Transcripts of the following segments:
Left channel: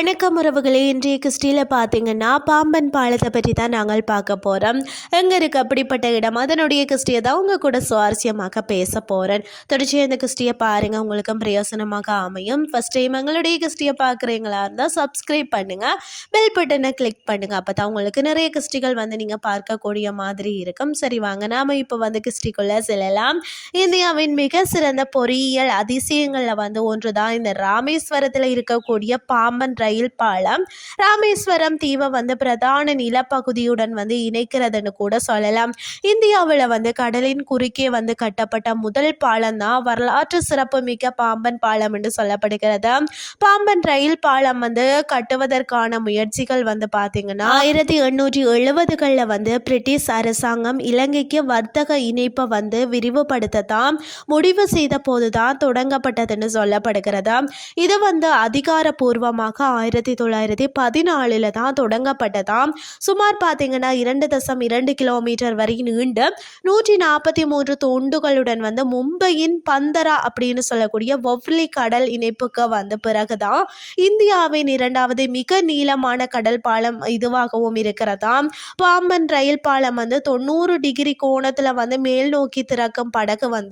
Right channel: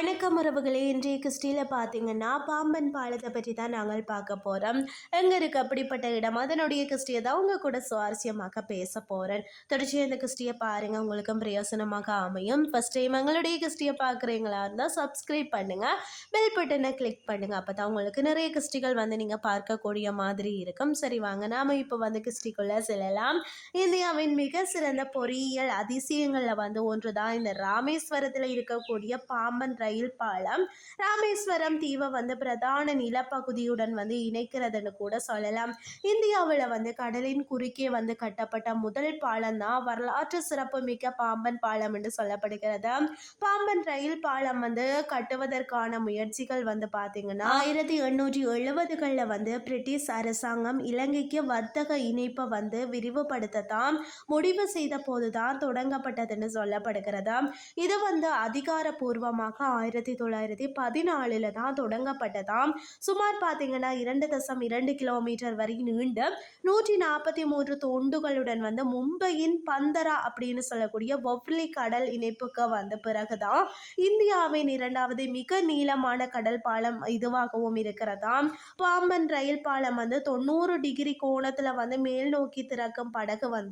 வணக்கம் உறவுகளே. இன்றைய கிறிஸ்டியில் பார்த்தீங்கன்னா பாம்பன் பாலத்தை பற்றி தான் நாங்கள் பார்க்க போகிறோம் எங்கே இருக்குது அப்படிப்பட்ட இடம்? அதனுடைய கிறிஸ்டியை தான் உங்கள் கூட சுவாரஸ்யமாக பேச போகிறேன் தொடர்ச்சியாக இந்த கிறிஸ்டியை பாருங்கள் உங்களுக்கும் பிரயோசனமாக அமையும். ஃபஸ்ட் டைம் எங்களுடைய கிறிஸ்டியை பார்க்குறீங்களா இருந்தால் சப்ஸ்கிரைப் பண்ணுங்கள் பெல் பட்டனை கிளிக் பண்ணுங்கள் அப்போ தான் உங்களுக்கு நிறைய கிறிஸ்டிகள் வந்து நீங்கள் பார்க்கக்கூடிய மாதிரி இருக்கும். சரி வாங்க. நாம் இப்போ வந்து கிறிஸ்டிக்குள்ளே செல்லலாம். இந்தியாவின் மிக சிறந்த பொறியியல் அதிசயங்களில் வந்து ஒன்று தான் இந்த ராமேஸ்வரத்தில் இருக்கக்கூடிய பாம்பன் ரயில் பாலம். ராமேஸ்வரம் தீவை வந்து பிரதான நிலப்பகுதியுடன் வந்து இணைக்கிறதுன்னு கூட சொல்லலாம். இந்தியாவில் வந்து கடலின் குறுக்கே வந்து கட்டப்பட்ட முதல் பாலம் தான் வரலாற்று சிறப்புமிக்க பாம்பன் பாலம் என்று சொல்லப்படுகிறது. பாம்பன் ரயில் பாலம் வந்து கட்டுவதற்கான முயற்சிகள் வந்து பார்த்தீங்கன்னா ஆயிரத்தி எண்ணூற்றி எழுபதுகளில் வந்து பிரிட்டிஷ் அரசாங்கம் இலங்கைக்கு வர்த்தக இணைப்பை வந்து விரிவுபடுத்த தான் முடிவு செய்த போது தான் தொடங்கப்பட்டதுன்னு சொல்லப்படுகிறது. இது வந்து அதிகாரப்பூர்வமாக ஆயிரத்தி தொள்ளாயிரத்தி பதினாலில் தான் தொடங்கப்பட்டதாம். சுமார் பார்த்தீங்கன்னா இரண்டு தசம் இரண்டு கிலோமீட்டர் வரை நீண்டு நூற்றி நாற்பத்தி மூன்று தொண்டுகளுடன் வந்து மும்பையின் பந்தரா அப்படின்னு சொல்லக்கூடிய ஒவ்லி கடல் இணைப்புக்கு வந்த பிறகுதான் இந்தியாவின் இரண்டாவது மிக நீளமான கடல் பாலம் இதுவாகவும் இருக்கிறதாம். பாம்பன் ரயில் பாலம் வந்து தொண்ணூறு டிகிரி கோணத்தில் வந்து மேல் நோக்கி திறக்கும் படகு வந்து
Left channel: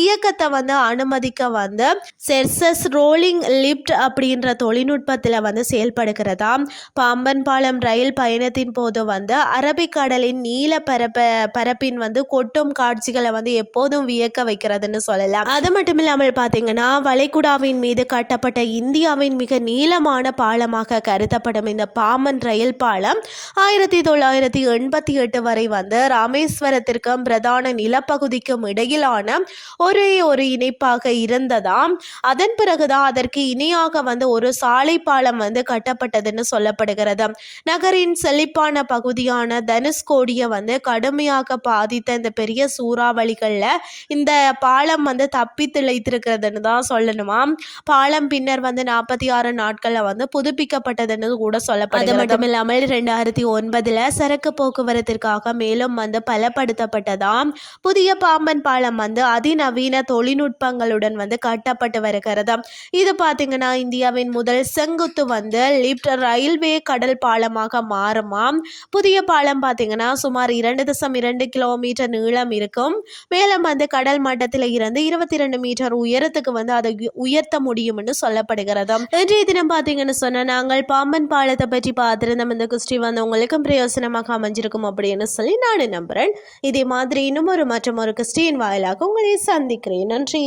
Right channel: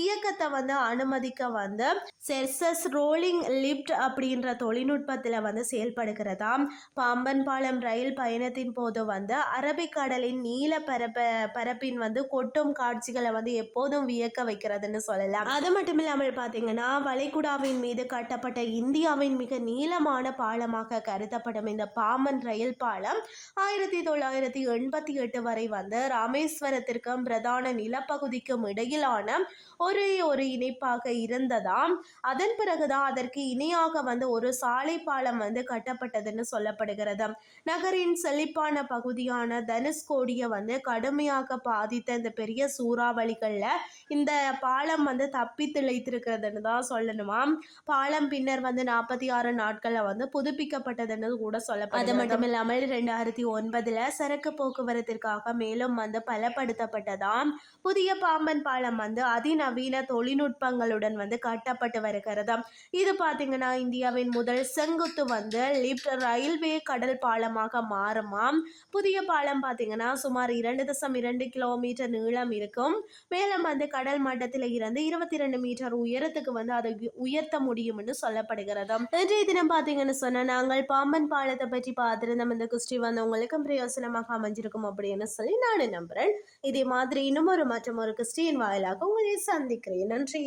இயக்கத்தை வந்து அனுமதிக்க வந்து செர்சஸ் ரோலிங் லிப்ட் அப்படின்ற தொழில்நுட்பத்தில் வந்து செயல்படுகிறதா? பாம்பன் பாலம் ரயில் பயணத்தின் போது வந்து அரபிக்கடலின் நீல பரப்ப பரப்பின் வந்து கொட்டும் காட்சிகளை வந்து எப்போதும் வியக்க வைக்கிறதுன்னு சொல்லலாம். அது மட்டும் இல்லாமல் பார்த்தீங்கன்னா வளைகுடாவின் மீது கட்டப்பட்ட இந்தியாவின் மிக நீளமான பாலமாக கருதப்படும் இந்த பாம்பன் ரயில் பாலம் ஆயிரத்தி தொள்ளாயிரத்தி எண்பத்தி எட்டு வரை வந்து ராமேஸ்வரத்திற்கும் பிரதான நிலப்பகுதிக்கும் இடையிலான ஒரே ஒரு இணைப்பாக இருந்ததாம். அதன் பிறகுதான் அதற்கு இணையாக வந்து ஒரு சாலை பாலம் வந்து கட்டப்பட்டதுன்னு சொல்லப்படுகிறது. நகரின் செழிப்பான பகுதியான தனுஷ்கோடியை வந்து கடுமையாக பாதித்த இந்த பெரிய சூறாவளிகளில் இந்த பாலம் வந்து தப்பி திளைத்திருக்கிறதுன்னு தான் சொல்லணுமா? பாலம் பின்னர் வந்து நாற்பத்தி ஆறு நாட்களில் வந்து புதுப்பிக்கப்பட்டதுன்னு கூட சொல்லப்படுது அது மட்டும் இல்லாமல் ரெண்டாயிரத்தி ஒன்பதில் சரக்கு போக்குவரத்திற்காக மேலும் வந்து பலப்படுத்தப்பட்டதாம் புதிய பாம்பன் பாலம் வந்து அதிநவீன தொழில்நுட்பங்களுடன் வந்து கட்டப்பட்டு வருகிறது. இது பார்த்தீங்கன்னா இந்தியாவின் முதல் செங்கு செங்குத்து வந்து லிப்ட் ரயில்வே கடல் பாலமாக மாறுமாம். புதிய பாலம் பார்த்தீங்கன்னா சுமார் இரண்டு தசம் இரண்டு கிலோமீட்டர் நீளம் இருக்கும். மேலும் வந்து கடல் மட்டத்தில் இருந்து இருபத்தி ரெண்டு மீட்டர் உயரத்துக்கு வந்து அதை உயர்த்த முடியும்னு சொல்லப்படுகிறது. இன்றைய தினம் பார்த்தீங்கன்னு சொன்னால் நாங்கள் பாம்பன் பாலத்தை பற்றி பார்த்துருந்தோம். இந்த குஸ்டி வந்து உங்களுக்கும் பிரயோசனமாக அமைஞ்சிருக்கும் அப்படின்னு சொல்லி நான் நம்புகிறேன் இதே மாதிரி இன்னும் ஒரு மற்றும் ஒரு கிறிஸ்டியின் வாயிலாக உங்களை சந்திக்கிறேன். நன்றி.